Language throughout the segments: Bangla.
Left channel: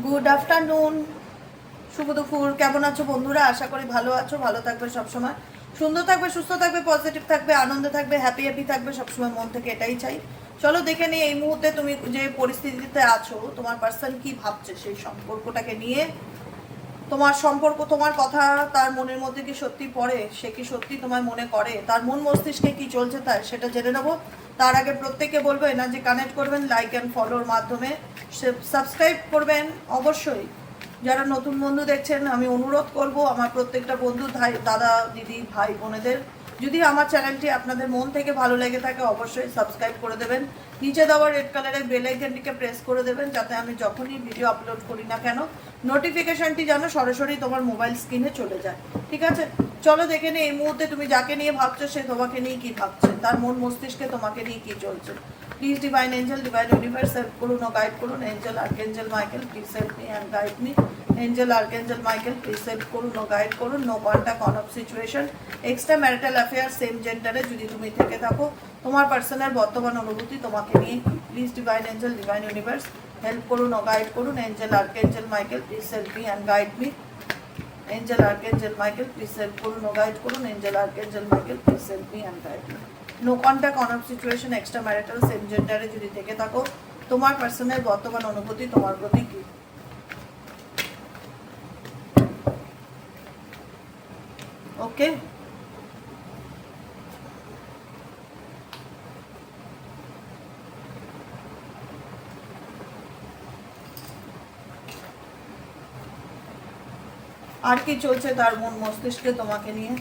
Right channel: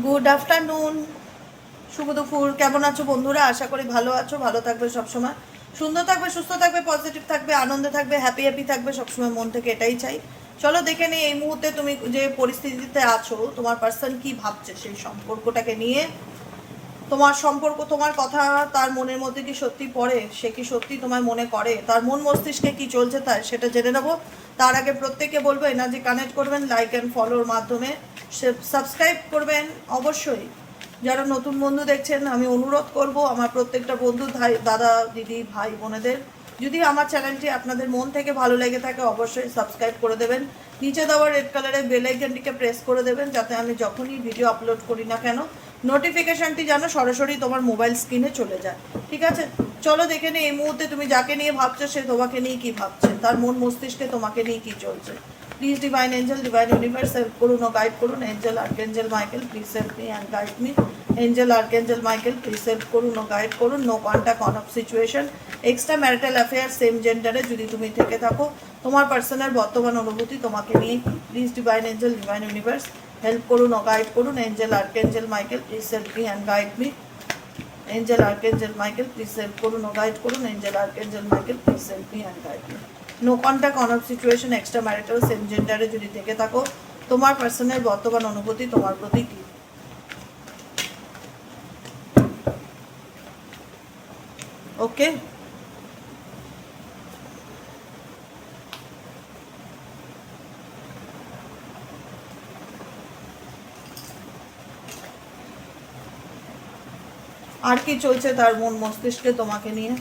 গুড আফটারনুন, শুভ দুপুর। কেমন আছো বন্ধুরা? আশা করি ভালো আছো, ভালো থাকবে সবসময়, সুন্দর থাকবে, সুস্থ থাকবে, পজিটিভ থাকবে, আনন্দ থাকবে, হ্যাপি হ্যাপি থাকবে সবসময়, মন থেকে এটাই চাই। চলো দেখে নিই এই মুহূর্তে তুমি যে পরিস্থিতিতে আছো, তোমার পার্সন কি ভাবছে সেই সম্পর্কটাকে নিয়ে। তোমার সম্পর্ক, তোমার কথা তার মনের মধ্যে কি সত্যি পড়ে? সে কি সত্যি তোমায় মনে করে? তার মন মস্তিষ্কে কি চলছে তার সেটা জেনে নেবো। তার আগে প্রত্যেকে বলবো এনার্জি কানেক্ট করবেন লাইক অ্যান্ড ফলোর মাধ্যমে, সাবস্ক্রাইব করবেন অবশ্যই। যারা নতুন বন্ধু দেখছেন আমি অনুরোধ করব আমার প্রত্যেকটা বন্ধু, ভাই, দাদা, দিদি, ভাই, বোনেদের, যদি আমার চ্যানেলটি আপনাদের মন থেকে ভালো লেগে থাকে অবশ্যই সাবস্ক্রাইব করে দেবেন। নিচে দেওয়া রেড কালারের বেল আইকনটিকে প্রেস করে দেবেন, যাতে আমি যখনই ভিডিও আপলোড করি না কেন নোটিফিকেশনটি যেন সরাসরি তোমার মোবাইল স্ক্রিনে চলে যায়। ঠিক আছে, চলো দেখে নিই এই মুহূর্তে তুমি যাকে নিয়ে ভাবছো সে তোমাকে নিয়ে কি ভাবছে, তার মন মস্তিষ্কে তোমাকে নিয়ে কি চলছে। Please divine angel, divine universe help করুন ও গাইড করুন। Angel archangel Michael please help me and guide me. Angel archangel Michael please help করুন ও গাইড করুন। No contact, on off situation, extra marital affair, same জেন্ডারে যদি তুমি থেকে থাকো, তোমার পার্সোনাল বর্তমান অনুভূতি তোমাকে নিয়ে কি। Please divine angel, divine universe help করুন ও গাইড করুন। Angel archangel Michael please help me and guide me. Angel archangel Michael please help করুন ও গাইড করুন। Angel archangel Michael please help me and guide me. No contact, on off situation, extra marital, same জেন্ডারে যদি থেকে থাকো, তোমার পার্সোনাল বর্তমান অনুভূতি তোমার প্রতি কি। ওকে, আর কি চলছে তার মন মস্তিষ্কে তোমাকে নিয়ে?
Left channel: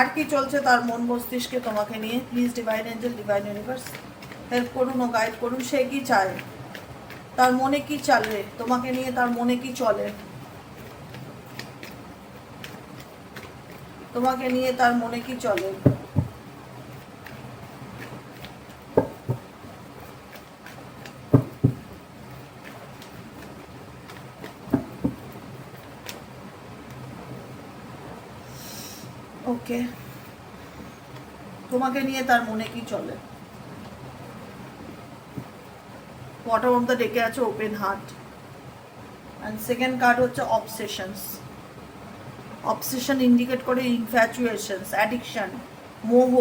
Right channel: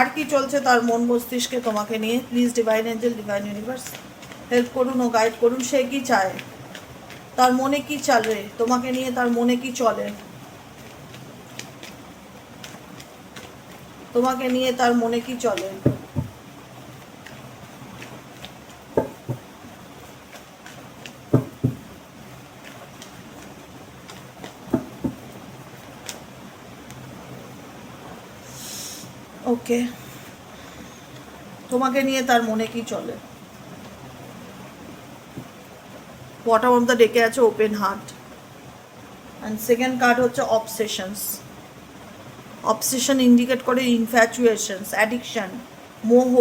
আর কি চলছে তার মন মস্তিষ্কে তোমাকে নিয়ে? Please divine angel, divine universe help করুন ও গাইড করুন। সে কি চায়? তার মনে কি চলে তোমাকে নিয়ে? তার মনে কি চলে তোমাকে নিয়ে? তার মনে কি চলে? ওকে, তোমাকে নিয়ে তার মনে কি চলে? বটম অফ দ্য ডেকে আছে open heart, and second card হচ্ছে অবসেশনস। অবসেশন ইন্ডিকেট করে ইনফ্যাচুয়েশনস, অ্যাডিকশন, মোহ।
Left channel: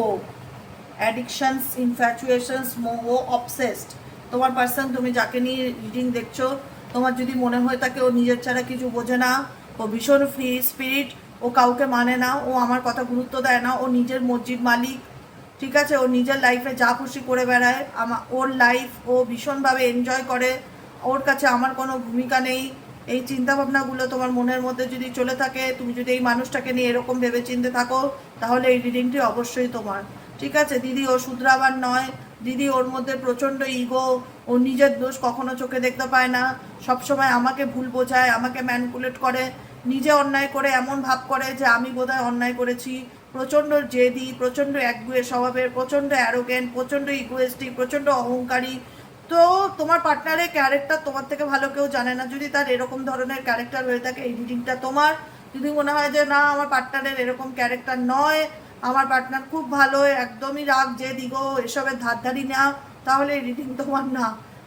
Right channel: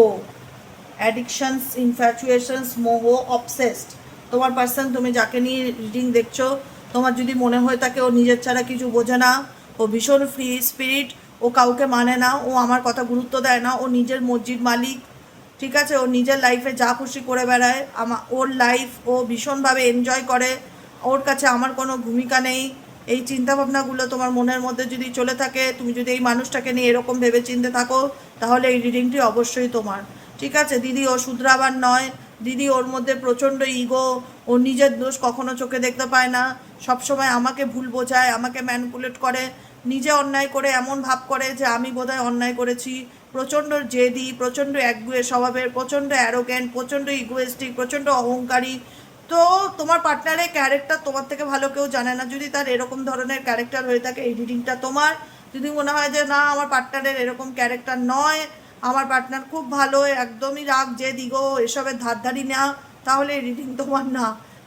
অ্যাডিকশনস, ইনফ্যাচুয়েশনস, মোহ, অবসেসড। তোমার পার্সন, তুমি যাকে নিয়ে রিডিং দেখছো, তোমার যদি মনে হয়ে থাকে ও নিজের ছাড়া কিছু বোঝে না, ও ভীষণ ফ্রি স্পিরিট, ও কাউকে মানে না, ও আমার কথা গুরুত্ব দেয় না, ও নিজের মর্জির মালিক। ঠিক আছে, ও নিজের লাইফে যা খুশি করে বেড়ায়, ওর লাইফ ও ভীষণভাবে এনজয় করে, ওর কাছে আমার কোনো ভূমিকা নেই। এই চিন্তাভাবনাগুলো তোমার মনের মধ্যে যদি চলে থাকে, তুমি যদি এই মানুষটাকে নিয়ে এরকম ভেবে চিনতে থাকো, তাহলে এই রিডিংটি অবশ্যই তোমার। ঠিক আছে দিদি, ও শুধরাবার নয়। দিদি, ওর মধ্যে প্রচণ্ড ইগো, ও নিজের দোষ কখনো চোখে দেখতে পায় না, সবসময় আমাকে ভুল বোঝায়, আমাকে ম্যানিপুলেট করে, নিজে অন্যায় করে এমন ভাব করে যে আমি বোধহয় অন্যায় করেছি। প্রচণ্ড জেদি, প্রচণ্ড একগুঁয়ে স্বভাবের, প্রচণ্ড অ্যারোগেন্ট, প্রচণ্ড ইগোয়েস্টিক, প্রচণ্ড অহংকারী। তো তোমার পার্টনারের ক্যারেক্টার তোমার থেকে ভালো কেউ জানে না। যদি তার এরকম ধরনের ক্যারেক্টার হয়ে থাকে, এই রিডিংটা তোমার। যদি মনে হয় যে না, আমার পার্টনারের এরকম ক্যারেক্টার নয়, আমার পার্টনার খুব ভালো, একদমই রাগ যে দিগো এসবের ধারধারি না, তাহলে এই রিডিং তোমার না।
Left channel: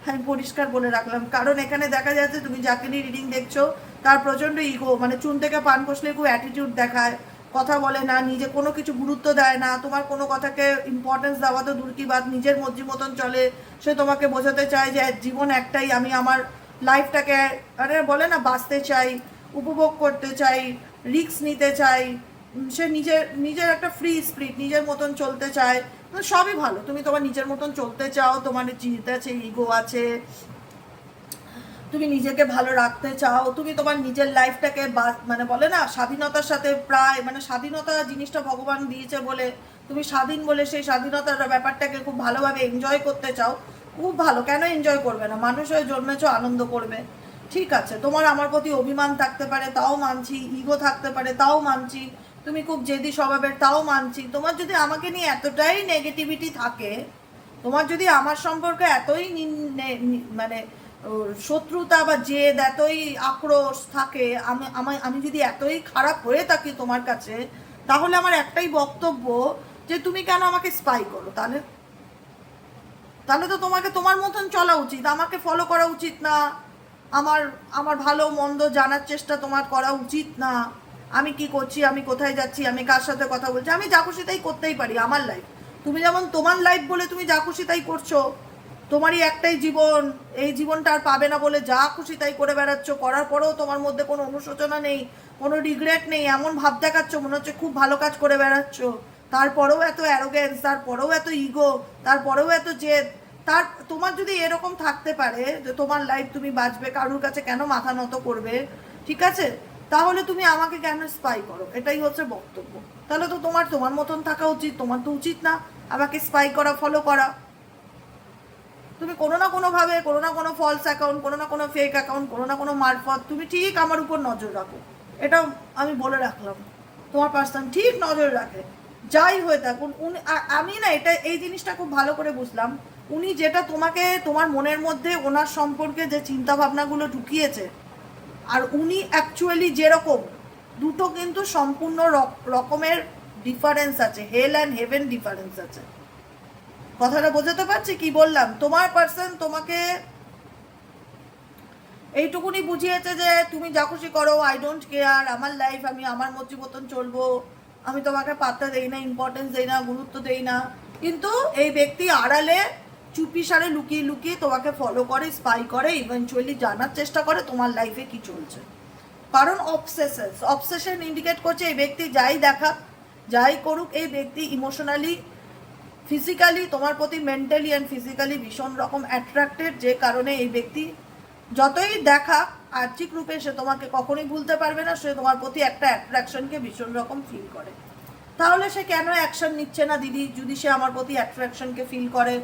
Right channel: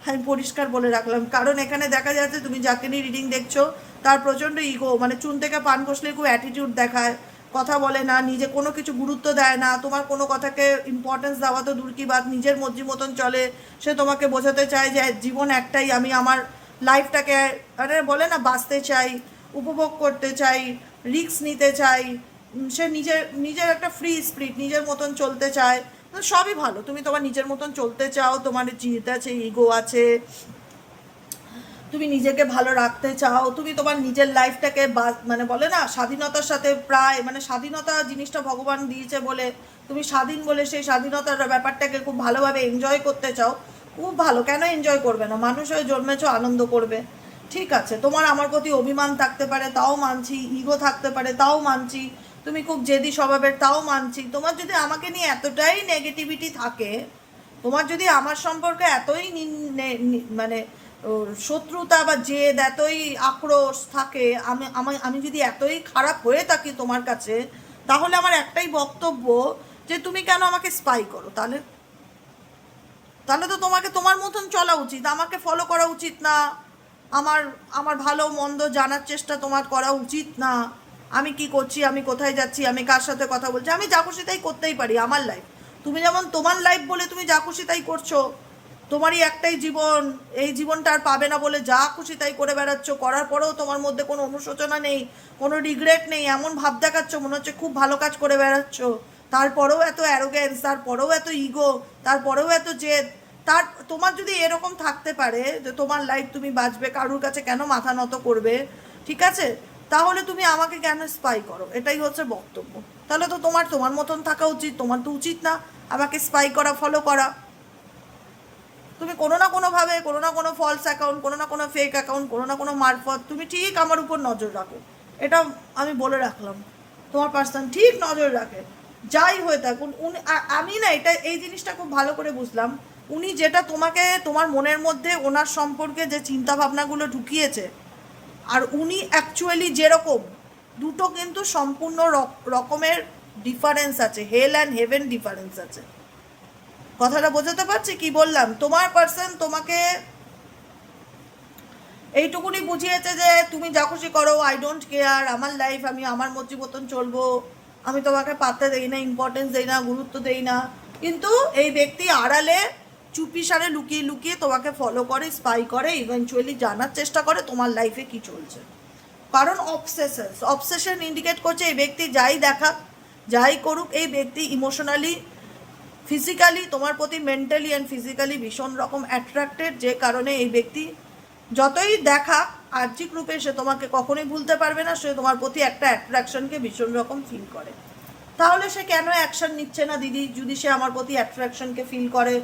আমি পরিষ্কার বলে রাখলাম, কারণ এখানে দেখা যাচ্ছে তুমি যাকে নিয়ে রিডিং দেখছো তার প্রচণ্ড ইগো, মানে চুন থেকে পান কষলে খুব অ্যাটিটিউড দেখায়, কথা বলে না, নিজে কোনো কিছু গুরুত্ব দেয় না, তোমার কোনো কথাকে ইম্পর্টেন্স দেওয়া তো দূর কি বাদ, নিজের মর্জি মতন চলে। সে তোমাকে বোঝাতে চায় যে জীবন একটাই, আমি আমার লাইফটাকে, আরে বলে না, বাঁচতে চাই, উপভোগ করতে চাই, রিস্ক নিতে চাই। সে নিজের নিজের একটা ফ্রি স্পিরিট, নিজের মতন চলতে চায়। সবই ভালো, তুমি তোমার নিজের মতন চলতে চাও, তোমার জিদ আছে, ইগো আছে, তুমি নিজেকে ভালো রাখতে চাও, তুমি তোমার নিজের লাইফটাকে মানে বলে না স্বাধীনতার সাথে, প্রায় মানে স্বাধীনতা জিনিসটা ভগবান দিয়েছে বলে তুমি স্বাধীন বলে সেই স্বাধীনতার ব্যাপারটাকে খুব ভালোভাবে এনজয় করতে চাও। খুব ভালো, কেন এনজয় করবে না? মানুষ হয়ে জন্মেছো, আনন্দ করবে। ঠিক আছে, তোমার আমার প্রতি অভিমান থাকতে পারে, তাও মানছি, ইগো থাকতে পারে, তাও মানছি, তুমি খুব জেদি স্বভাবের, তাও মানছি। তোমার যদি আমাকে নিয়ে এতটাই নেগেটিভিটি থাকে, তোমার যদি আমার সম্পর্কে এতই মানে শত্রুতা বা জেদ, এতই আক্রোশ থাকে, আমি যদি এতই খারাপ হয়ে থাকি তোমার কাছে, তাহলে আমার একটাই বক্তব্য, যে তুমি কেন আমাকে স্পাই করো? তাহলে তাহলে তো তোমাকে তোমার মতন চলা উচিত, আমাকে ফলো করা উচিত না। আমার আমার ভালো মন্দ জানার চেষ্টা তোমার করা উচিত না, আমি কি করছি, আমি কোথায় যাচ্ছি, আমি কার সাথে কথা বলছি, আমি যা খুশি তাই করতেই পারি, আমার লাইফ। তুমি যেমন তোমার লাইফ বলে তুমি যা খুশি তাই করছো, তোমারই একটাই জীবন, এই জীবনটা আর পাবে না বলে যা খুশি তাই করে বেড়াচ্ছ, করার পরেও তোমার মধ্যে কোনো অনুশোচনা নেই, কোনো রিগ্রেট নেই, এমন ভাব দেখাচ্ছ মনে হচ্ছে খুব ভালো কাজ করে বেড়াচ্ছ, তারপরেও এত অ্যারোগেন্স, তারপরেও এত ইগো, তারপরেও এত জেদ। তার তোমার যদি এরকম থাকতে পারে যে তোমার লাইফ তুমি বাঁচবে, কারুর কাছে কেন মাথা নত করবে, ঠিক আছে, তাহলে তুমি আমাকে কেন স্পাই করো, এটাই হচ্ছে বক্তব্য। তাহলে তো তোমার তোমার মতন থাকা উচিত, তোমার তো উচিত না আমাকে স্পাই করা, ফলো করা। তুমি কোনো না কোনোভাবে, কোনো না কোনো ফলস অ্যাকাউন্ট, কোনো না কোনো ফেক অ্যাকাউন্ট, কোনো না কোনো মারফত তুমি ঠিক আমার উপর নজর রাখো, এটা আমি বলে রাখলাম। তোমার পার্সন ঠিক নজর রাখে, যাই হয়ে থাকুন উনি। আমি না এটা এই জিনিসটা খুব ভালো করে বুঝলাম, উনি যেটা তোমাকে তোমার মনের মধ্যে ওনার সম্পর্কে যে চিন্তা ভাবনাগুলো ঢুকিয়েছে, আর উনি অ্যাকচুয়ালি যেরকম, দুটো কিন্তু সম্পূর্ণ রকমের ডিফারেন্স আছে, হেল অ্যান্ড হেভেন ডিফারেন্স আছে। কথাটা বোঝাতে পারছি কি বললাম? তোমার পার্সন তোমাকে এইটুকুনি বুঝিয়েছে যে তুমি যা খুশি করো, আই ডোন্ট কেয়ার, আমার লাইফ, আমি আমার মর্জি মতন চলবো, আমি তোমাকে পাত্তা দেই না, ইম্পর্টেন্স দেই না, গুরুত্ব দেই না। কিন্তু এই ব্যক্তি আড়ালে চুপি সারে লুকিয়ে লুকিয়ে তোমাকে ফলো করে, স্পাই করে, ইভেনচুয়ালি জানার চেষ্টা করে তোমার লাইফে কি চলছে। কারণ অবসেশন ইন্ডিকেট করছে এই ব্যক্তি যাই দেখা, যাই করুক, এই ব্যক্তি ইমোশনালি, ফিজিক্যালি তোমার প্রতি, মেন্টালি অ্যান্ড ফিজিক্যালি ভীষণ রকম অ্যাট্রাক্টেড, যে কারণে এই ব্যক্তি যতই দেখা আর্থিক রূপে সে তোমাকে কখনোই ভুলতে পারবে না, সে তোমার প্রতি একটা অ্যাট্রাকশনকে ভীষণ রকম ফিল করে। তাহলে সে কেন অ্যাকশন নিচ্ছে না দিদি? যদি সে আমার প্রতি অ্যাট্রাকশনকে ফিল করে,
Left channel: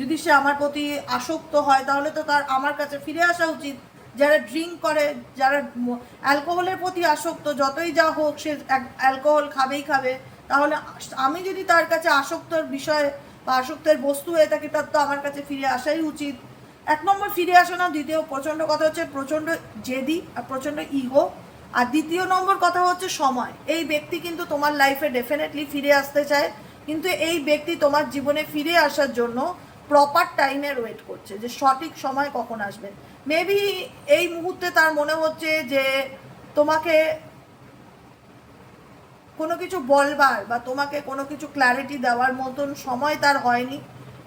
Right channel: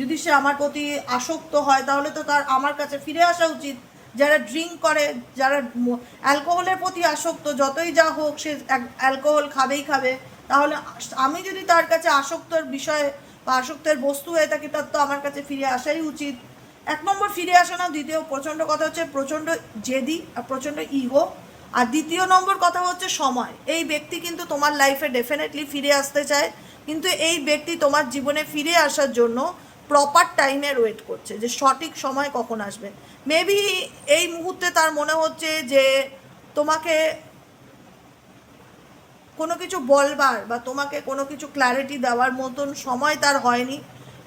যদি সে আমার প্রতি আসক্ত হয়, তাহলে তো তার আমার কাছে ফিরে আসা উচিত। যারা ড্রিঙ্ক করে, যারা অ্যালকোহলের প্রতি আসক্ত, যতই যা হোক সে অ্যালকোহল খাবেই খাবে, তাহলে আমি যদি তার কাছে আসক্তর বিষয়ে বা আসক্তের বস্তু হয়ে থাকি, তার তো আমার কাছে ফিরে আসাই উচিত। এক নম্বর ফিরে আসে না, দ্বিতীয় প্রচণ্ড কথা হচ্ছে প্রচণ্ড জেদি আর প্রচণ্ড ইগো, আর দ্বিতীয় নম্বর কথা হচ্ছে সময়। এই ব্যক্তি কিন্তু তোমার লাইফে ডেফিনেটলি ফিরে আসতে চায়, কিন্তু এই ব্যক্তি তোমার জীবনে ফিরে আসার জন্য প্রপার টাইমের ওয়েট করছে, যে সঠিক সময় কখন আসবে। মেবি এই মুহূর্তে তার মনে হচ্ছে যে তোমাকে কোনো কিছু বলবার বা তোমাকে কোনো কিছু ক্ল্যারিটি দেওয়ার মতন সময় তার হয়নি।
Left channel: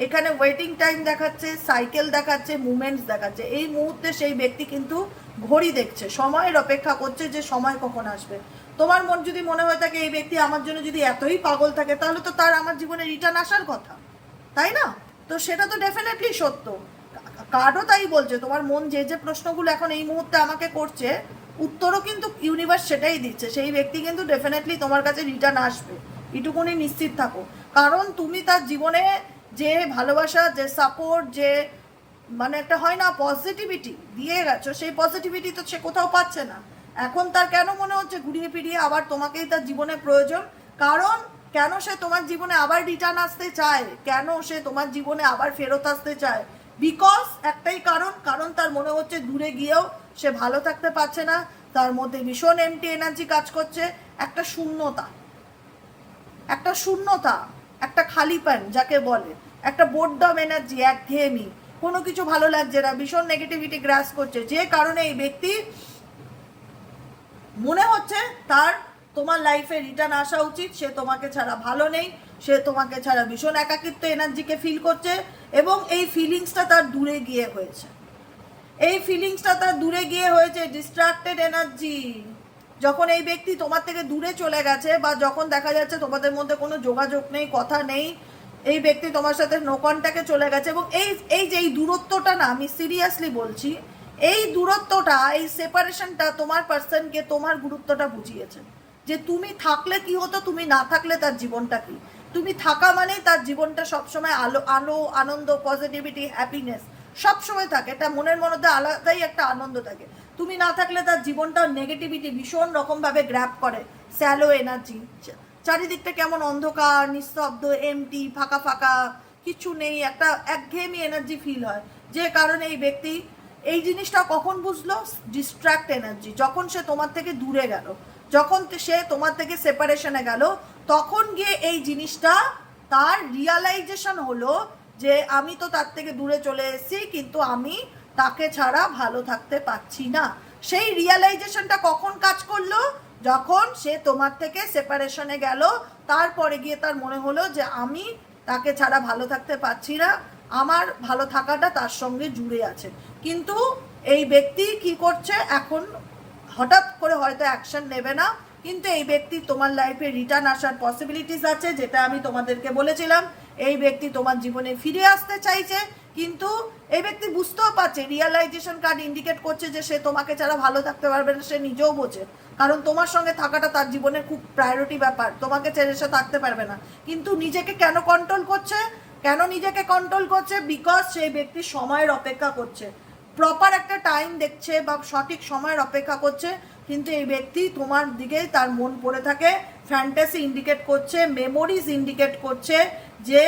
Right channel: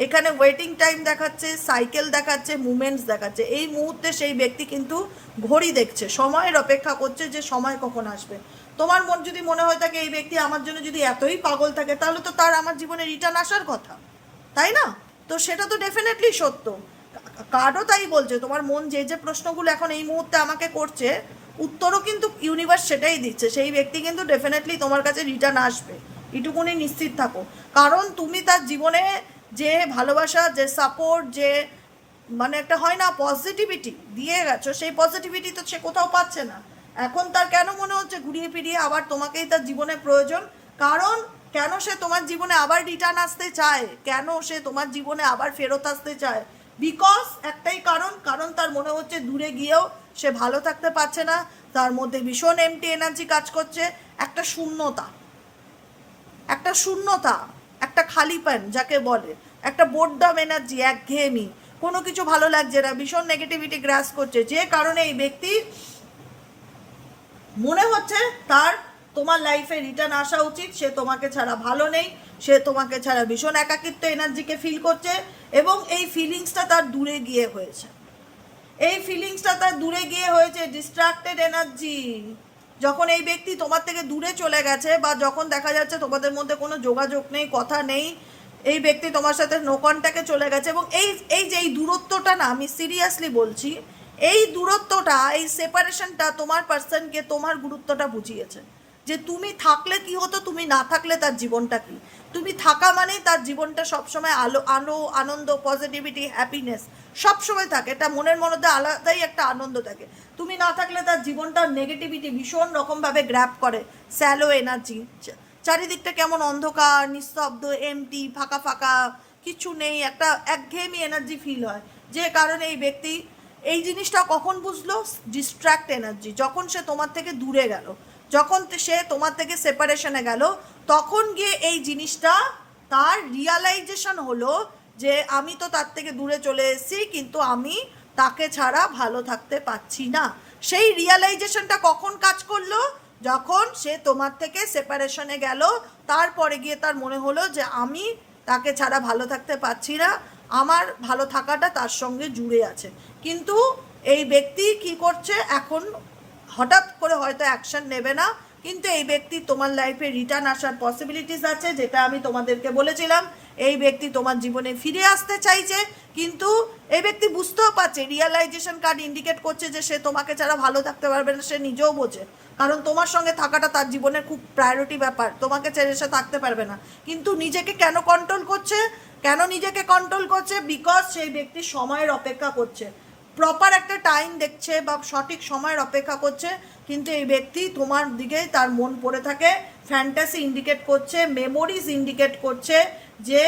এখানে ওয়েটিং টাইম দেখাচ্ছে, সাইকেল দেখাচ্ছে, মুভমেন্টস দেখাচ্ছে। এই মুহূর্তে সেই ব্যক্তি কিন্তু ঘড়ি দেখছে, সময়ের অপেক্ষা করছে যে সময় কখন আসবে। তোমার মন যদি মনে হয় থাকে এই ব্যক্তি আমার জন্য যদি এতই পাগল থাকে, তাহলে তো তার আমার জীবনে রিটার্ন আসার কথা, তাই না? তো সেটা তো ডেফিনেটলি সত্য। কার্ডও তাই বলছে, তোমার মন যে যে প্রশ্নগুলো এখন এই মুহূর্তে আমাকে করছে, উত্তরও কিন্তু ইউনিভার্স সেটাই দিচ্ছে। সেই ব্যক্তি কিন্তু ডেফিনেটলি তোমার কাছে রিটার্ন আসবে, এটুকুনি নিশ্চিত থাকো। কারণ তুমি তার জীবনে যে ভালোবাসা, যে সাপোর্ট, যে মানে একটা হয় না পজিটিভিটি দিয়ে গেছো, সেই পজিটিভিটি তো সে কোথাও পাচ্ছে না। এখন তার কেন মনে হচ্ছে ঘুরিয়ে ফিরিয়ে আবার তোমাকেই তার জীবনে প্রয়োজন? কারণ কেন সে তোমার জীবনে আবার রিটার্ন আসতে চায়, কেন সে তোমার জীবনে আবার ফেরত আসতে চায়? বিকজ একটাই কারণ, কারণ তার মনে হচ্ছে দূরে গিয়েও সে ভালো থাকতে পারছে না, তার মধ্যে ভীষণ এমটি এনার্জি কাজ করছে, একটা শূন্যতা, একটা শূন্যতা, একটা খালিপন যাকে বলে, একটা বোরডম এনার্জি, একঘেয়েমি, কোনো কিছু ভালো লাগছে না, ভীষণ নেগেটিভিটি গ্রাস করছে, যে কারণে এই ব্যক্তি মনে হচ্ছে তার তোমার লাইফে রিটার্ন আসা উচিত। সে তোমাকে ছাড়া ভালো নেই, সে তোমাকে ছাড়া ভীষণ একাকিত্ব এনার্জিকে ফিল করছে, এবং এই ফিলিংসটা তার দূরে গিয়ে হয়েছে, এই ফিলিংসটা তার দূরে গিয়ে হয়েছে ডিস্ট্রাক্টেড এনার্জি। যখন এই ব্যক্তি তোমার থেকে দূরে চলে গেছে, বা যখন দেখা যাচ্ছে তোমাদের মধ্যে কোনো যোগাযোগ নেই, কথা নেই, এই ব্যক্তি তোমার সাথে নো কন্ট্যাক্টে চলে গেছে, এবং এই এই যে এই দূরত্বটা না, আমি সিরিয়াসলি বলছি, এই দূরত্বটা, এই সেপারেশনটা তোমার পার্সনকে তোমার গুরুত্বটা বুঝিয়েছে, যে তুমি থাকলে কি হতো, তুমি না থাকলে তার জীবনটা কি। তুমি থাকা মানেই তার জীবনটা সবসময় আলো আলো, আনন্দ, পজিটিভিটি, হ্যাপিনেস সবসময় থাকে, এটা মনের মধ্যে আলাদাই একটা আনন্দ থাকে। তুমি না থাকলে তার জীবনটা নেগেটিভিটি ভীষণ রকমভাবে গ্র্যাব করে, স্যালো এনার্জি, চারিদিকটা কেমন অন্ধকার, নিস্তব্ধ, এমটি, ফাঁকা ফাঁকা, কিছু নেই, একটা একঘেয়েমি এনার্জি ফিল হয়। যে কারণে এই ব্যক্তি এই জিনিসটা কখন বুঝলো, ডিস্ট্র্যাক্ট এনার্জি, যখন সে তোমার থেকে দূরে গেল, যখন সে তোমার থেকে সেপারেশনে গেল, তখন গিয়ে এই জিনিসটা তার রিয়ালাইজেশন হলো, যে আমি তো তার থেকে দূরে চলে এসেছি, কিন্তু আমি তাকে ছাড়া ভালো থাকতে পারছি না। সেই রিয়ালাইজেশনটা কখন কাজ করলো? যখন সে তোমার থেকে সেপারেশনে গেল, তারপরে গিয়ে তার মনে হলো যে আমি তাকে ছাড়া ভালো থাকতে পারছি না, আমার ভালো থাকাটা তার সঙ্গে জুড়ে আছে। কিন্তু এই ব্যক্তি কি করছে এখন? হঠাৎ করে হয়তো অ্যাকশন নেবে না, কিন্তু এই ব্যক্তি তোমার লাইফে রিটার্ন আসার পসিবিলিটিস আছে, যেটা আমি তোমাদেরকে বলেছিলাম। এই ব্যক্তি তোমার জীবনে ফিরে আসতে চাইছে, কিন্তু এই ব্যক্তি বুঝতেও পারছে, রিয়ালাইজেশন কার্ড ইন্ডিকেট করছে যে সে তোমাকে ছাড়া ভালো থাকতে পারবে না, সে নিজেও বোঝে। কারণ তোমার সঙ্গে থাকাটা তার জীবনের খুব প্রায়োরিটি ব্যাপার, তোমাকে ছেড়ে সে থাকতে পারবে না। কিন্তু নিজেকে কেন কন্ট্রোল করছে? কেন নিজেকে কন্ট্রোল করছে? বিকজ সেই ব্যক্তি সময়ের অপেক্ষা করছে, প্রপার একটা টাইম দেখছে বা সঠিক সময়ের অপেক্ষা করছে। কিন্তু এই ব্যক্তি তোমার দিকে তার মন পড়ে থাকে, ফ্যান্টাসি ইন্ডিকেট করছে, মেমোরিজ ইন্ডিকেট করছে যে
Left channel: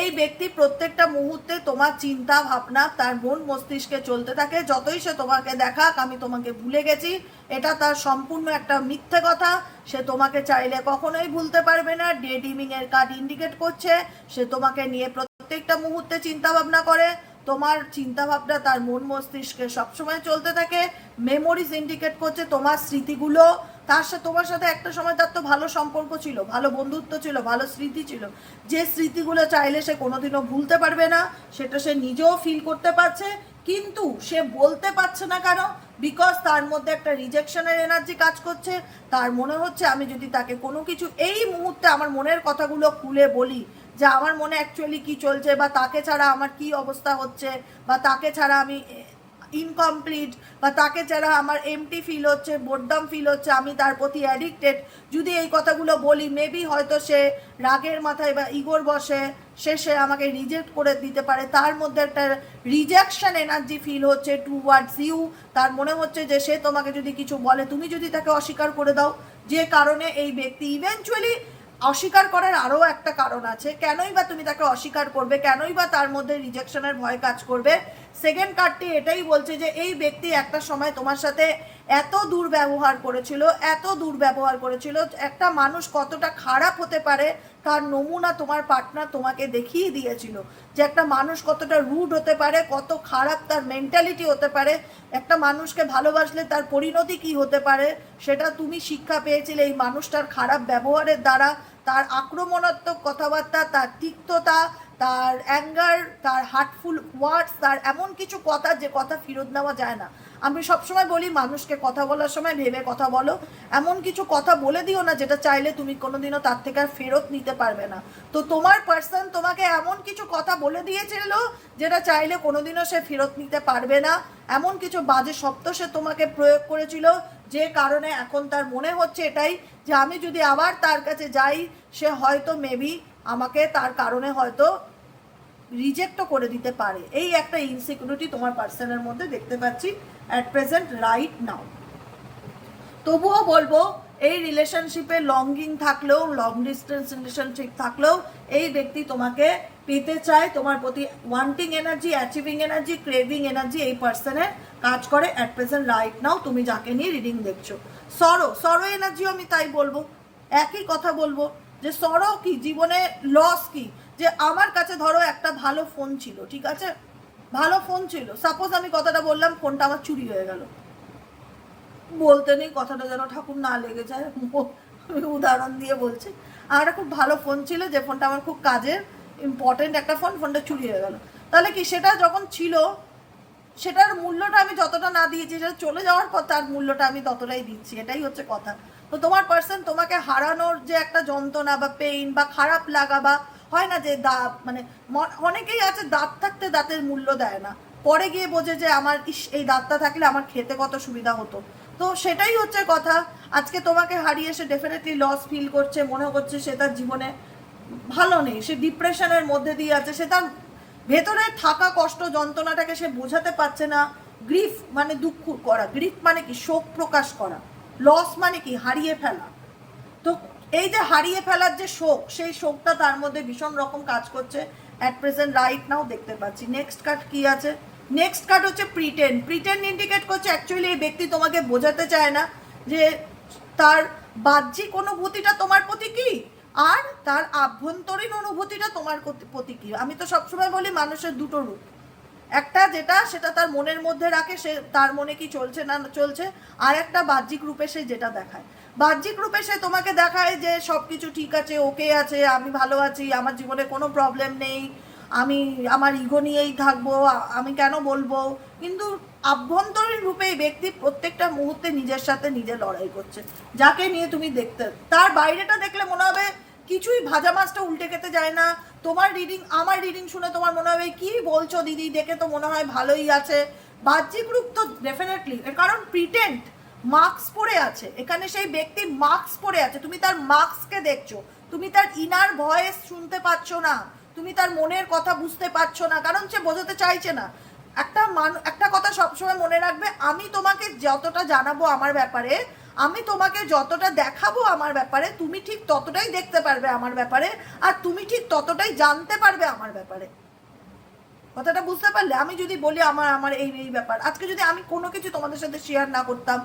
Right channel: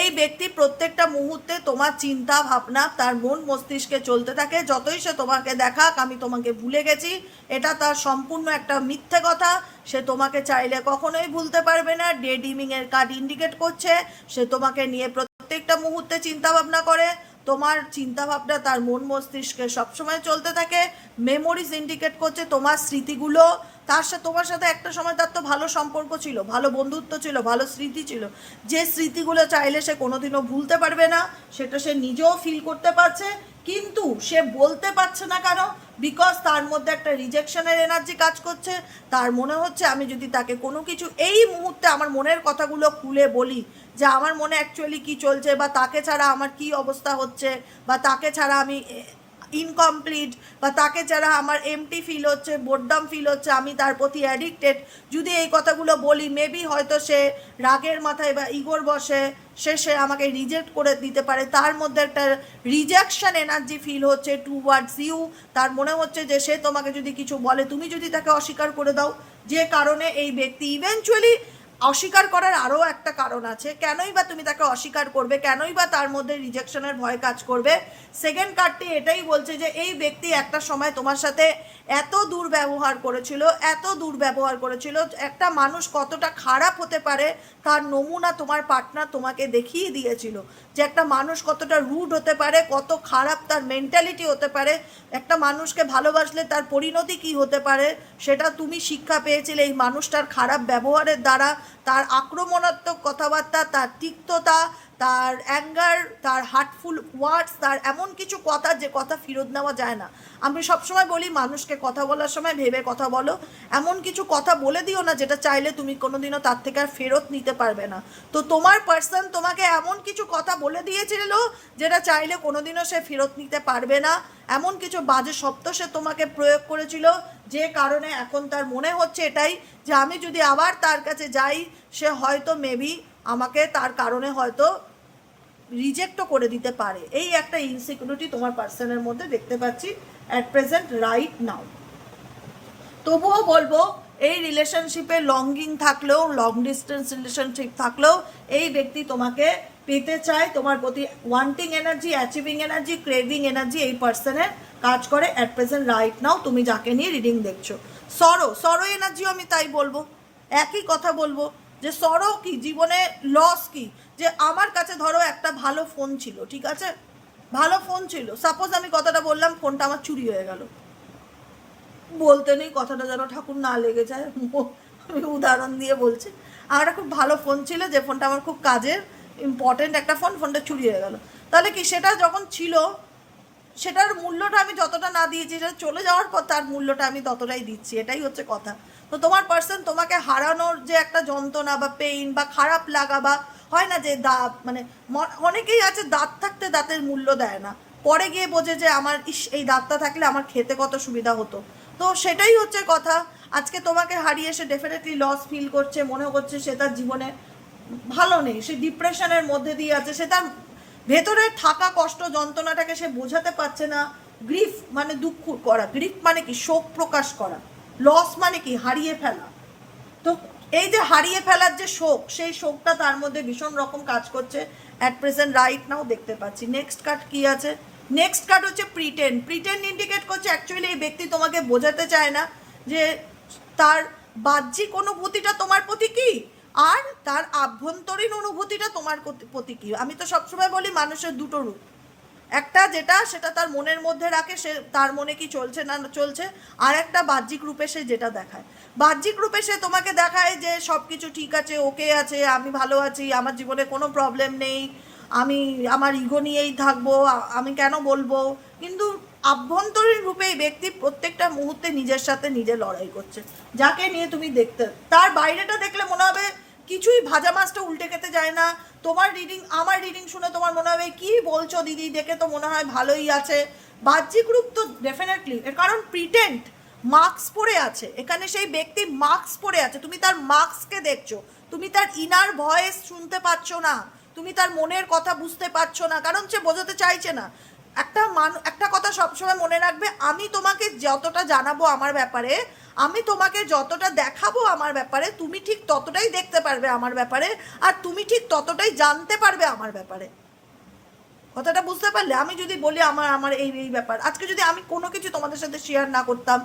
এই ব্যক্তি প্রত্যেকটা মুহূর্তে তোমার চিন্তা ভাবনা তার মন মস্তিষ্কে চলতে থাকে। যতই সে তোমাকে দেখাক আমি তোমাকে ভুলে গেছি, এটা তার সম্পূর্ণ একটা মিথ্যে কথা। সে তোমাকে চাইলে কখনোই ভুলতে পারবে না। ডে ড্রিমিং এর কার্ড ইন্ডিকেট করছে সে তোমাকে নিয়ে প্রত্যেকটা মুহূর্তে চিন্তা ভাবনা করে, তোমার চিন্তা ভাবনা তার মন মস্তিষ্কে সবসময় চলতে থাকে। মেমোরিজ ইন্ডিকেট করছে তোমার স্মৃতিগুলো, তার সাথে তোমার সাথে একটা সময় তার তো ভালো সম্পর্ক ছিল, ভালো বন্ধুত্ব ছিল, ভালো স্মৃতি ছিল, যে স্মৃতিগুলো চাইলে সে কোনোদিনও ভুলতে পারবে না, সেটা সে নিজেও ফিল করতে পারছে। কিন্তু সে বলতে পারছে না কেন? বিকজ তার মধ্যে একটা রিজেকশনের এনার্জি কাজ করছে। তার মনে হচ্ছে আমি যদি তাকে কোনো কিছু এই মুহূর্তে আমার মনের কথাগুলো খুলে বলি, যে আমার মনে অ্যাকচুয়ালি কি চলছে, বা তাকে ছাড়া আমার কি অবস্থা হচ্ছে, বা তাকে ছাড়া আমি ইনকমপ্লিট, বা তাকে ছাড়া আমার এমটি ফিল হচ্ছে, বোরডম ফিল হচ্ছে, আমি তার প্রতি অ্যাডিক্টেড, যদি এই কথাগুলো বলি মেবি হয়তো সে রাগের মাথায় বা ইগোর বসে সে আমাকে রিজেক্ট করে দিতে পারে। তার মধ্যে একটা রিজেকশন এনার্জি ফিল হচ্ছে টুওয়ার্ডস ইউ। তার মনে হচ্ছে যে সে তোমাকে যদি কিছু বলে তুমি যদি তাকে অস্বীকার করে দাও, যে কারণে এই ব্যক্তি ইভেনচুয়ালি অস্বীকার করার আরও একটা কারণ আছে। কেনই বা তুমি তাকে অস্বীকার করবে? কেনই বা তার মধ্যে রিজেকশনের ভয় কাজ করবে? সেকেন্ড কার্ডটি এটাই বলছে যে এই ব্যক্তি একটা সময় তোমার সাথে এত দুর্ব্যবহার করেছিল, এত দুর্ব্যবহার করেছিল। একটা মানুষ কতটা খারাপ হতে পারে তার নমুনা তোমার পার্টনার তোমাকে দেখিয়ে দিয়েছিল, যে একটা মানুষ কতটা রুড হতে পারে, কত খারাপ তার মেন্টালিটি হতে পারে, একটা মানুষকে ভালোবাসলে তার পরিণতি কি হতে পারে সেটা তুমি শিক্ষা পেয়েছিলে এই মানুষটার খারাপ ব্যবহারের দ্বারা। তার আক্রমণাত্মক কথাবার্তা, তার তিক্ততা, তার অ্যাঙ্গার, তার হার্টফুল ওয়ার্ডস, তার এমন কিছু কথা যে কথা ফেরত নেওয়া যায় না। আমি সবসময় বলি মানুষকে কথা বলার সময় ভেবে কথা বলো, এমন কিছু কথা বলে দিও না যেটা চাইলে তুমি কোনোদিনও তার থেকে আর ফেরত নিতে পারবে না। তো তোমার পার্সন তোমাকে এমন কিছু কথা বলে দিয়েছিল যেটা চাইলে কোনোদিনও সে ফেরত নিতে পারবে না। এমন কিছু বাজে শব্দ সে তোমাকে প্রয়োগ করেছিল, যে কারণে এখন তার মনে হচ্ছে এটাই, যে আমি যদি আবার তার কাছে যাই সে হয়তো মেবি আমাকে তার কারণে হয়তো রিজেক্টও করে দিতে পারে। এই একটা ইনসিকিউরিটি তোমার পার্সনের মধ্যে দেখতে পাচ্ছি অ্যাট প্রেজেন্ট রাইট নাও। তবুও বলবো এই রিলেশনশিপে লঙ্গিং থাকলেও, লং ডিস্টেন্স রিলেশনশিপ থাকলেও এই ব্যক্তি তোমাকে পেতে চায়, তোমার প্রতি wanting energy, achieving energy, craving energy এই পার্সনের কাজ করে অ্যাট প্রেজেন্ট রাইট নাও। তুমি যাকে নিয়ে রিডিং দেখছো, সরো এনার্জিও আমি তাই বলবো, একই কথা বলবো, যে সরো কি, জীবনে লস কি। যে আমার কাছে ধরো একটা ভালো ফোন ছিল, ঠিক আছে, ভালো ফোন ছিল, সাপোজ আমি কথাটা বললাম ফোনটা আমার চুরি হয়ে গেল, বলতে নেই কথাটা যেন ঠাকুর না লেগে যায়, আমি উদাহরণ দিয়ে বলছি। আমার একটা খুব ভালো ফোন ছিল, যে ফোনটা আমার খুব কাজের, ইম্পর্টেন্ট একটা ফোন, ফোনটা চুরি হয়ে গেল। তাহলে কি সেটা যখন ছিল সেটার মূল্যটা আমি যতটা না দিয়েছি, সেটা চলে যাওয়ার পর তার মূল্যটা আমি ততটাই দিচ্ছি, এটাই হচ্ছে কথা। তো তোমার পার্সন তোমাকে হারানোর যে একটা যন্ত্রণা বা পেইন বা খারাপ লাগা, বা হয় না যে দাঁত, মানে অনেকেই আছে দাঁত থাকতে দাঁতের মূল্য দেয় না, পরে গিয়ে বোঝে যে আমার এই দাঁতটা থাকলে আমার খেতে কত সুবিধা হতো। তো সেটাই হচ্ছে কথা। আজকে তোমাকে হারিয়ে সে ডেফিনেটলি লস ফিল করছে, মনে করছে সে তার জীবনে ভালো নেই, সে ডিপ্রেশনের মধ্যে দিয়ে আছে, সে তার ভেতরে থাকা কষ্ট যন্ত্রণাটাকে সে বোঝাতে পারছে না। গ্রিফ মানে দুঃখ করা, গ্রিফ মানে কি শোক প্রকাশ করা, লস মানে কি হারিয়ে ফেলা। তো এই যে হারিয়ে ফেলার যে শোক, সেই শোকটা তার মধ্যে ভীষণ রকম কাজ করছে অ্যাট প্রেজেন্ট রাইট নাও দেখতে পাচ্ছি। নেক্সট কার্ড কি আছে? নেক্সট কার্ড হচ্ছে প্রিটেন্ড ইন্ডিকেট করছে অ্যাকচুয়ালি এই ব্যক্তি তোমাকে বোঝাতে চায় না যে তার বাহ্যিক অনুভূতিটা তোমার প্রতি কি, আর তার আভ্যন্তরীণ অনুভূতিটা তোমার প্রতি কি। আমি তো সবসময় বলি মানুষের দুটো রূপ, একটা যেটা সেটা তার মনের মধ্যে রাখে, সে তার মনে কি চলছে না চলছে, আর একটা বাহ্যিক রূপে সে যেটা দেখায়। বাহ্যিক রূপে সে তোমাকে দেখায় যে সব কিছু ঠিক আছে, ওকে আছে, আমি ভালো আছি, আমার জীবনে কোনো প্রবলেম নেই, আমি আমার ইগো নিয়েই থাকবো, আমি কেন বলবো। কিন্তু আভ্যন্তরীণ রূপে এই ব্যক্তি প্রত্যেকটা মুহূর্তে নিজের সাথে নিজে লড়াই করছে, যাকে নিয়ে তুমি দেখতে, তার বাইরেটা দেখলে মনে হবে কিছুই, ভাজা মাছটা উল্টে খেতে যায় না। তোমার রিডিং, আমার রিডিং শুনে তোমার মনে হবে কি বলছো দিদি, দেখে তো মনে হয় ভালোই আছে। বাহ্যিক রূপ তো ডেফিনেটলি, এর কারণ প্রিটেন্ড, মাস্ক পরে আছে এখানে, সেই ব্যক্তি মাস্ক পরে আছে, তুমি তার মাস্ককে দেখছো, তুমি তার ইনার ভয়েস শুনতে পাচ্ছ না, তুমি তার মনের কথা বুঝতে পারছো না, কারণ সে বোঝাতে চাইছে না। একটা কথা সবসময় মনে রাখবে, আমি তোমাকে যতটা জানাবো আমার ব্যাপারে, আমি তোমাকে যতটা দেখাবো আমার ব্যাপারে, তুমি ঠিক ততটাই দেখতে পারবে আমার ব্যাপারে, আর তুমি ঠিক ততটাই জানতে পারবে আমার ব্যাপারে। কথাটা বুঝতে পারলে? আমি যদি বলি আমার আমার এই এই ব্যাপার, আজকে যদি আমি কোনো কিছু তোমাদের সাথে শেয়ার না করতাম,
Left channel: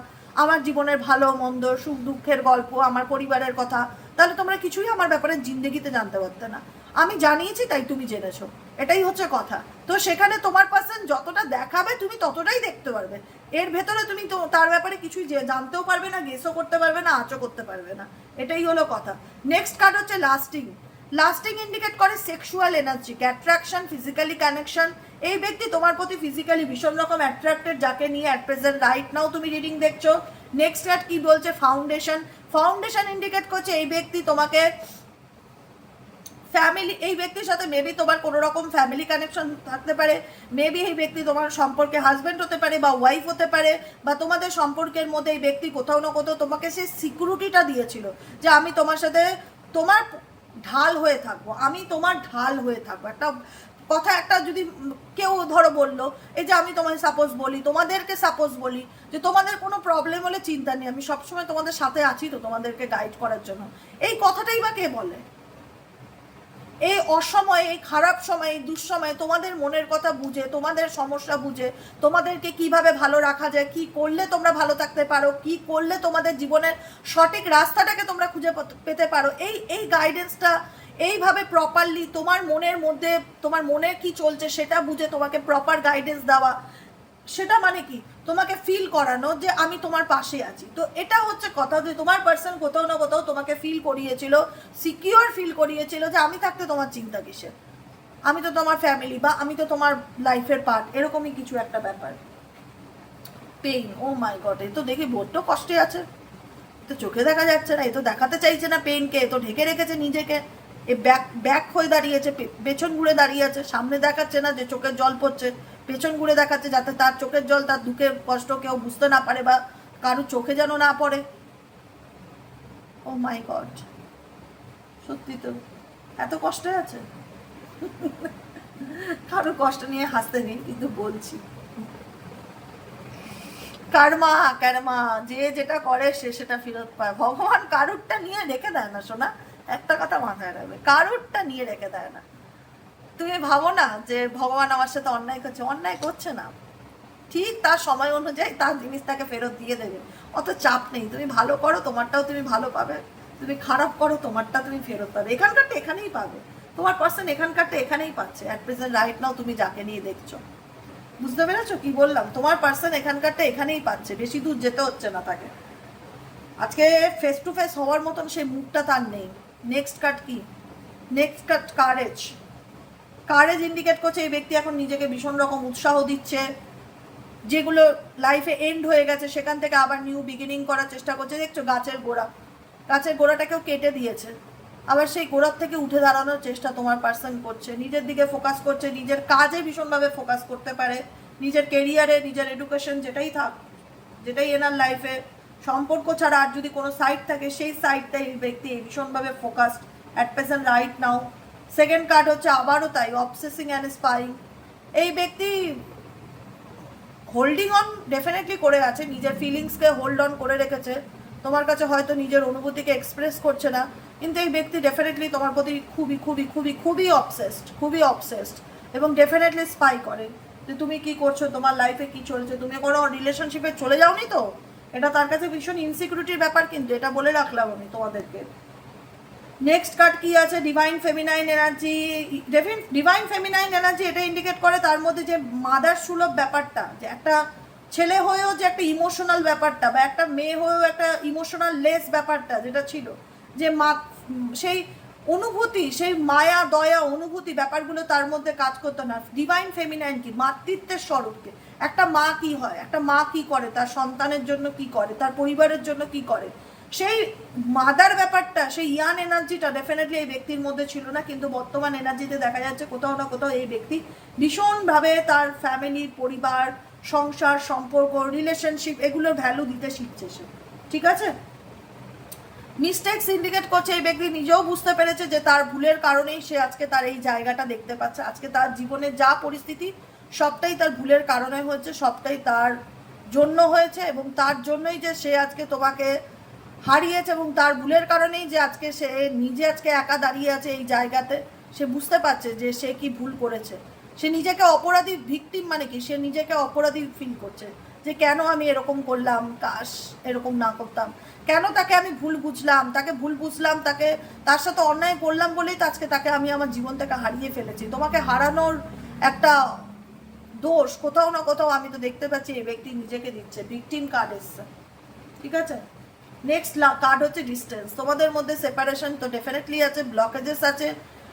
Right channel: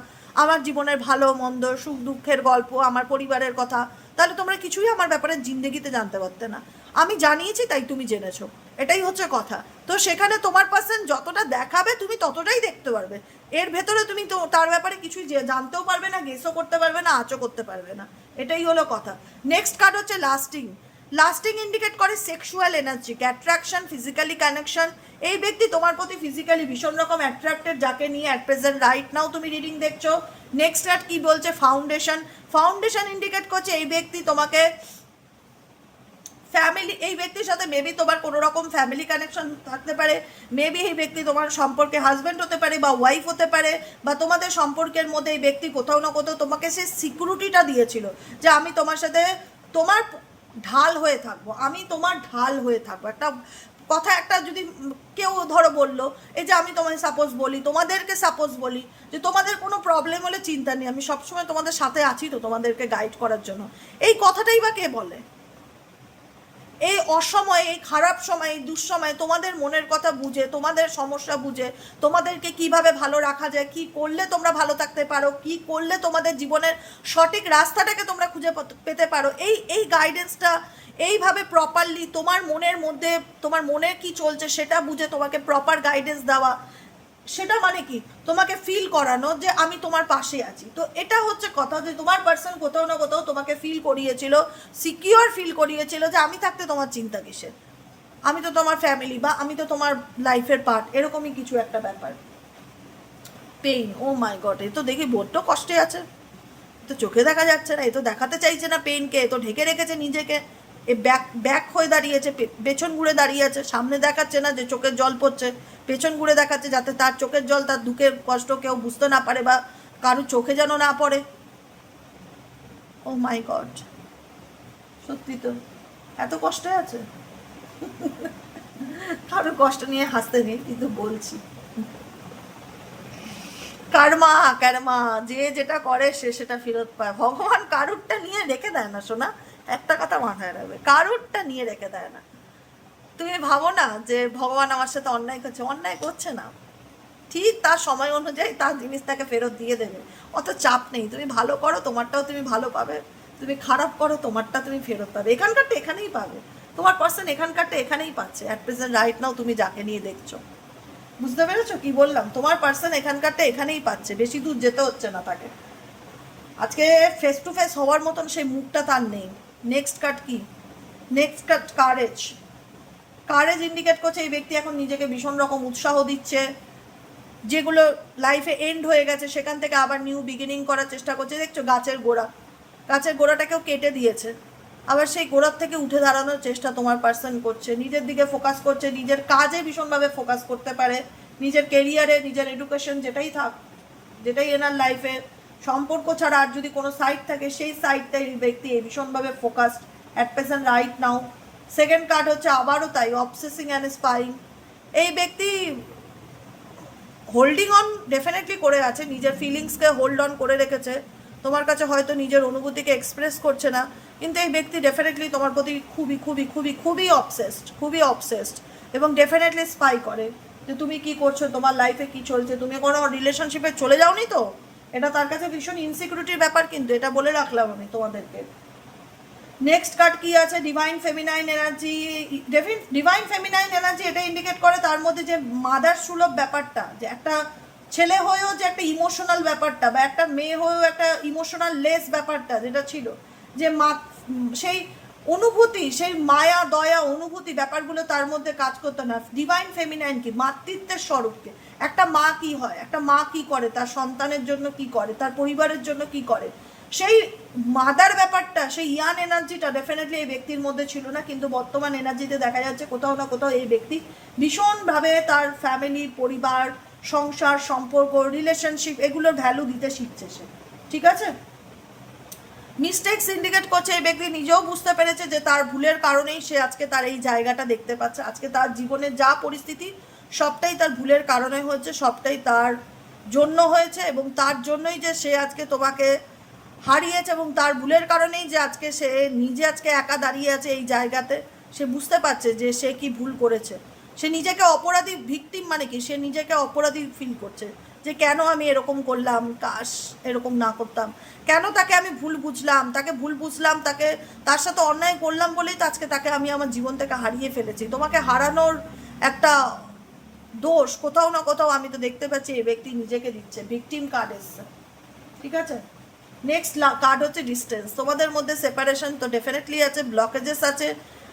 আমার জীবনের ভালো মন্দ, সুখ দুঃখের গল্প, আমার পরিবারের কথা, তাহলে তোমরা কিছুই আমার ব্যাপারে জিন্দেগিতে জানতে পারতে না। আমি জানিয়েছি তাই তুমি জেনেছো, এটাই হচ্ছে কথা। তো সেখানে তোমার পার্সন যতটা দেখাবে তুমি ততটাই দেখতে পারবে, এর ভেতরে তুমি তো তার ব্যাপারে কিছুই জানতেও পারবে না, গেসও করতে পারবে না, আঁচও করতে পারবে না। এটাই হলো কথা। নেক্সট কার্ড হচ্ছে লাস্টিং। লাস্টিং ইন্ডিকেট করে sexual energy, attraction, physically connection. এই ব্যক্তি তোমার প্রতি ফিজিক্যালি ভীষণ রকম অ্যাট্রাক্টেড, যাকে নিয়ে অ্যাট প্রেজেন্ট রাইট নাও তুমি রিডিং দেখছো। নেক্সট কার্ড কি বলছে? ফাউন্ডেশন। ফাউন্ডেশন ইন্ডিকেট করছে এই ব্যক্তি তোমাকে ফ্যামিলি, এই ব্যক্তির সাথে মেবি তোমার কোনো রকম ফ্যামিলি কানেকশন থাকতে পারে, মেবি এই ব্যক্তি তোমার সম্পর্কে হাজব্যান্ড হতে পারে বা ওয়াইফ হতে পারে, বা তোমাদের সম্পর্কের মধ্যে এই ব্যক্তি কোথাও না কোথাও তোমাকে সেই সিকিউরিটিটা দিয়েছিল যে আমি তোমার সাথে তোমার ঢাল হয়ে থাকবো, আমি তোমার ঢাল হয়ে থাকবো। একটা কথা, একটা যদি কেউ ধরো বললো, এই যে আমি তোমায় সাপোজ বলি, তোমাদেরকে সাপোজ বলি যে তোমাদের কোনো প্রবলেম হলে চিন্তা নেই, আমি সবসময় তোমাদের সাথে আছি তো তোমাদেরকে গাইড করার জন্য, এই কথাটাই বা কে বলে? এই অসময়ে, এই খারাপ সময়ে, দুঃসময়ে তোমাদের মনের কথা বুঝে, তোমাদের সমস্যা বুঝে, তোমাদেরকে কিভাবে ভালো রাখা যায়, কি করলে তোমরা ভালো থাকতে পারো, কি করলে তোমাদের জীবনের সঠিক রাস্তাটাকে তোমরা খুঁজে পেতে পারো, এই এই গাইডেন্সটা এইভাবে প্রপারলি তোমার মনের মধ্যে, তোমার মনে কি চলছে সেটা বুঝে তোমাকে প্রপার গাইডেন্স দেওয়া, সেটা মানে কি তোমাকে ফিল করানো যে আমি তোমার পাশে আছি। তো এটা হচ্ছে কথা, যে তোমার পার্সন কোথাও না কোথাও তোমাকে ফিল করিয়েছিল, সিকিউর ফিল করিয়েছিল যে আমি থাকতে তোমার চিন্তা কিসের, আমি তো তোমার ফ্যামিলি, বা আমি তো তোমার লাইফের পার্ট, এরকমই কিছু একটা ব্যাপার। পেইন, ও মাই গড, এ তো দেখি বড্ড কষ্টে আছে, তো চোখে দেখা যাচ্ছে না, এ তো দেখাতে চাইছে না পেইনকে, এ তো ঢেকে রেখেছে নিজেকে, এ ব্যাক ব্যাক হয়ে দাঁড়িয়েছে, পেছন ঘুরে দাঁড়িয়ে আছে, সামনে দেখাচ্ছে না যে চোখের জল পড়ছে, পেছন ঘুরে দেখাচ্ছে যাতে তার চোখের জল, তার দুঃখের কষ্ট কেউ বুঝতে না পারে, বা কারোর চোখে যেন না পড়ে। ও মাই গড, সত্যি তো এত কষ্টে আছে। কারো কষ্ট নিয়ে হাসতে নেই, কিন্তু বলছি কার্মা, কার্মা, যে যেটা করে সে সেটা ফেরত পায়। ভগবান কারুরটা নিয়ে রেখে দেয় না শোনা, একটা কথা মাথায় রাখবে, কারুরটা নিয়ে রেখে দেয় না। তুমি ভাবো না যে ভগবান আমার সাথে অন্যায় করছে, অন্যায় করছে না, ঠিক তার সময় অনুযায়ী তার জিনিস তাকে ফেরত দিয়ে দেবে, অত চাপ নেই। তুমি ভালো করো, তোমারটাও তুমি ভালো পাবে, তুমি খারাপ করো, তোমারটা তুমি ফেরত পাবে। এখানকারটা এখানেই পাবে, তোমার পার্সন এখানকারটা এখানেই পাচ্ছে, অ্যাট প্রেজেন্ট রাইট নাও তুমি যাকে নিয়ে দেখছো। বুঝতে পেরেছো কি বললাম? তোমার পার্সন এখানকারটা এখানেই পাচ্ছে, বেশি দূর যেতে হচ্ছে না তাকে। আজকে ফেস টু ফেস হওয়ার মতন সেই মুখটা তার নেই। নেক্সট কার্ড কি? Next card courage. Courage indicate করছে এই ব্যক্তি এখন নিজেকে ভীষণ রকম উৎসাহ দিচ্ছে, যেগুলো লাইফে এন্ড হয়ে গেছে সেখান থেকে আবার নিউ বিগিনিং করার চেষ্টা করছে। দেখছো গাছের গোড়া, গাছের গোড়াটাকেও কেটে দিয়েছে, আবার সেই গোড়ার থেকে উঠে দাঁড়ানোর চেষ্টা তোমার পার্সন করছে, নিজের দিকে ফোকাস করছে, নিজের কাজে ভীষণভাবে ফোকাস করতে পারে, নিজের কেরিয়ারে, নিজের এডুকেশন, যেটাই থাক, যেটাই এনার লাইফে, সম্পর্ক ছাড়া আর যদি কোনো সাইড থাকে সেই সাইডটাই এই ব্যক্তি ভীষণভাবে focused at present right now. Second card হচ্ছে আবারও তাই, অবসেসিং অ্যান্ড স্পাইং। এই ব্যক্তি হোল্ডিং অন ডেফিনেটলি করে আছে, নিজের ফিলিংসকে হোল্ড অন করে রেখেছে, তোমার কাছে হয়তো নিজের অনুভূতিকে এক্সপ্রেস করছে না, কিন্তু এই ব্যক্তি ডেফিনেটলি তোমার প্রতি খুবই খুবই খুবই খুবই অবসেসড, খুবই অবসেসড, এবং ডেফিনেটলি স্পাই করে যে তুমি কি করছো, তোমার লাইফে কি চলছে, তুমি কোনো রিলেশনশিপে চলে যাওনি তো। এটা তার কাছে ভীষণ ইনসিকিউরিটির ব্যাপার, কিন্তু এটা বলে রাখলাম আমি তোমাদেরকে। নেক্সট কার্ড কি আছে? Divine feminine energy. Divine feminine energy এটা ইন্ডিকেট করে তার মধ্যে যে মাদার সুলভ ব্যাপারটা, যে একটা ছেলে হয়েও যে একটা ইমোশনাল ব্যাপারটা, বা একটা মেয়ে হয়েও একটা ইমোশনাল লেস ব্যাপারটা যেটা ছিল, যে মা সেই অনুভূতি, সেই মায়া দয়া অনুভূতি ব্যাপারগুলো তার মধ্যে কাজ করতো না। ডিভাইন ফেমিনাইন কি? মাতৃত্বের স্বরূপকে। একটা মা কি হয়, একটা মা কি করে, তার সন্তানের জন্য কি করে, তার পরিবারের জন্য কি করে, সেই মাদার ব্যাপারটা, সেই ইয়ান এনার্জিটা ডেফিনেটলি এই ব্যক্তির মধ্যে ছিল না। কিন্তু বর্তমান এনার্জিতে দেখা যাচ্ছে কোথাও না কোথাও এই ব্যক্তি ভীষণভাবে তার ফ্যামিলি, পরিবার, সংসার, সম্পর্ক, রিলেশনশিপ এগুলোর ভ্যালু দিতে শিখছে সে। ঠিক আছে? মিস্টেকস ইন্ডিকেট করছে এই ব্যক্তি নিজেও বুঝতে পেরেছে যে তার ভুলের কারণেই সে আজকে তার এই জায়গাটা দেখতে পাচ্ছে। আজকে তার জীবনে যা পরিস্থিতি সবটাই তার ভুলের কারণে হয়েছে, সবটাই তার জন্য হয়েছে, এবং তার জন্যই যে সে আজকে তোমাকে হারিয়েছে, এবং তার ভুলের কারণেই যে আজকে সে নিজে আজকে একা দাঁড়িয়ে আছে এই জায়গাতে। সে বুঝতে পারছে যে সে কি ভুল করেছে। সে নিজেকে অপরাধী, ভিকটিম মানে কি, সে নিজেকে অপরাধী ফিল করছে যে কেন আমি এরকম করলাম, কাশ এরকম না করতাম, কেন তাকে আমি ভুল বুঝলাম, তাকে ভুল বুঝলাম, তাকে তার সাথে অন্যায় করলাম বলেই তো আজকে তাকে আমি আমার জীবন থেকে হারিয়ে ফেলেছি। তোমাকে হারানোর একটা দোষ কোথাও না কোথাও আমি তো দেখতে পাচ্ছি এই ব্যক্তি নিজেকে দিচ্ছে। ভিকটিম কার্ড এসছে। ঠিক আছে? নেক্সট কার্ড হচ্ছে ডিস্টেন্স। তোমাদের মধ্যে সেপারেশন তো ডেফিনেটলি আছে, ব্লকেজেস আছে।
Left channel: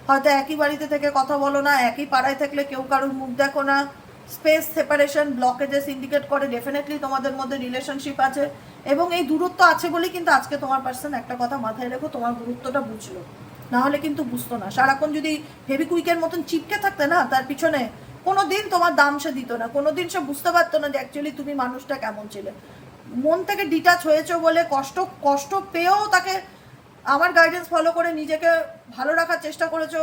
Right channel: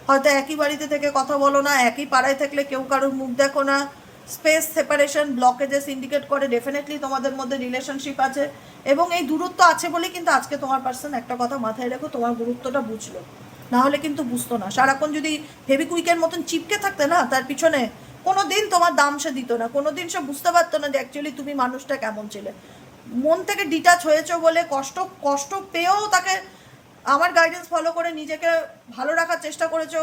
হয়তো একই বাড়িতে থেকে কথা বলো না, একই পাড়ায় থাকলে কেউ কারোর মুখ দেখো না। স্পেস, সেপারেশন, ব্লকেজেস ইন্ডিকেট করে ডেফিনেটলি তোমাদের মধ্যে রিলেশনশিপ আছে, এবং এই দূরত্ব আছে বলেই কিন্তু আজকে তোমার পার্সন, একটা কথা মাথায় রেখো, তোমার গুরুত্বটা বুঝলো, না হলে কিন্তু বুঝতো না। সারাক্ষণ যদি ফেভিকুইকের মতন চিপকে থাকতে না তার পিছনে, কোনো দিন তোমার দাম সে দিত না, কোনো দিন সে বুঝতে পারতো না যে অ্যাকচুয়ালি তুমি মানুষটা কেমন ছিলে। মন থেকে ডিটাচ হয়েছো বলে কষ্ট কষ্ট পেয়েও তাকে আমার গাইডেন্স ফলো করে নিজেকে ভালো রাখার চেষ্টা করেছো,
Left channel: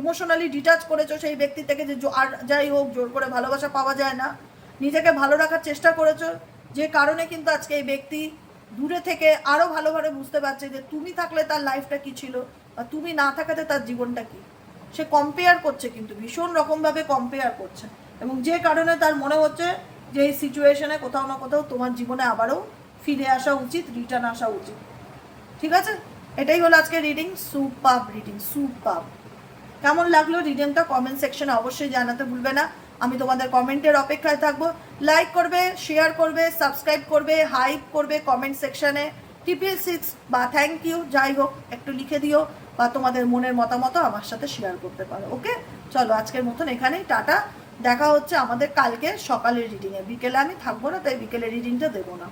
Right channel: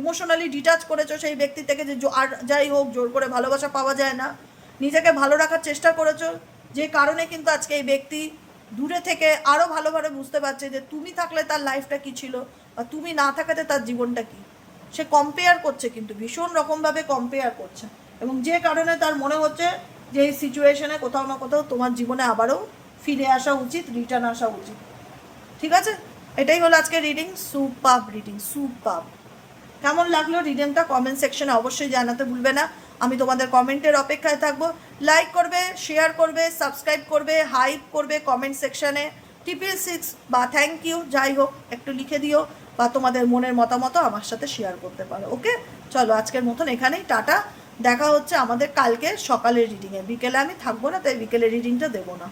ইমোশনালি ডিটাচ করেছো সেই ব্যক্তি থেকে, যে আর যাই হোক জোর করে ভালোবাসা পাওয়া যায় না। নিজেকে ভালো রাখার চেষ্টা করেছো, যে কারণে কিন্তু আজকে এই ব্যক্তি দূরে থেকে আরও ভালোভাবে বুঝতে পারছে যে তুমি থাকলে তার লাইফটা কী ছিল, বা তুমি না থাকাতে তার জীবনটা কী। সে কম্পেয়ার করছে, কিন্তু ভীষণ রকমভাবে কম্পেয়ার করছে, এবং যে কারণে তার মনে হচ্ছে যে এই সিচুয়েশনে কোথাও না কোথাও তোমার জীবনে আবারও ফিরে আসা উচিত, রিটার্ন আসা উচিত। ঠিক আছে? এটাই হলো আজকে রিডিং। Super reading, super. কেমন লাগলো রিডিংটা কমেন্ট সেকশনে অবশ্যই জানাতে ভুলবে না। আমি তোমাদের কমেন্টের অপেক্ষায় থাকবো। লাইক করবে, শেয়ার করবে, সাবস্ক্রাইব করবে, হাইপ করবে কমেন্ট সেকশনে। 666 বা থ্যাংক ইউ যাই হোক একটু লিখে দিও, বা তোমাদের মনের মতামত আমার সাথে শেয়ার করতে পারো। ওকে, চলো আজকের মতন এখানেই টাটা। দেখা হচ্ছে আমাদের কালকে সকালের রিডিংয়ে। বিকেলে আমি থাকবো না, তাই বিকেলের রিডিংটা দেবো না।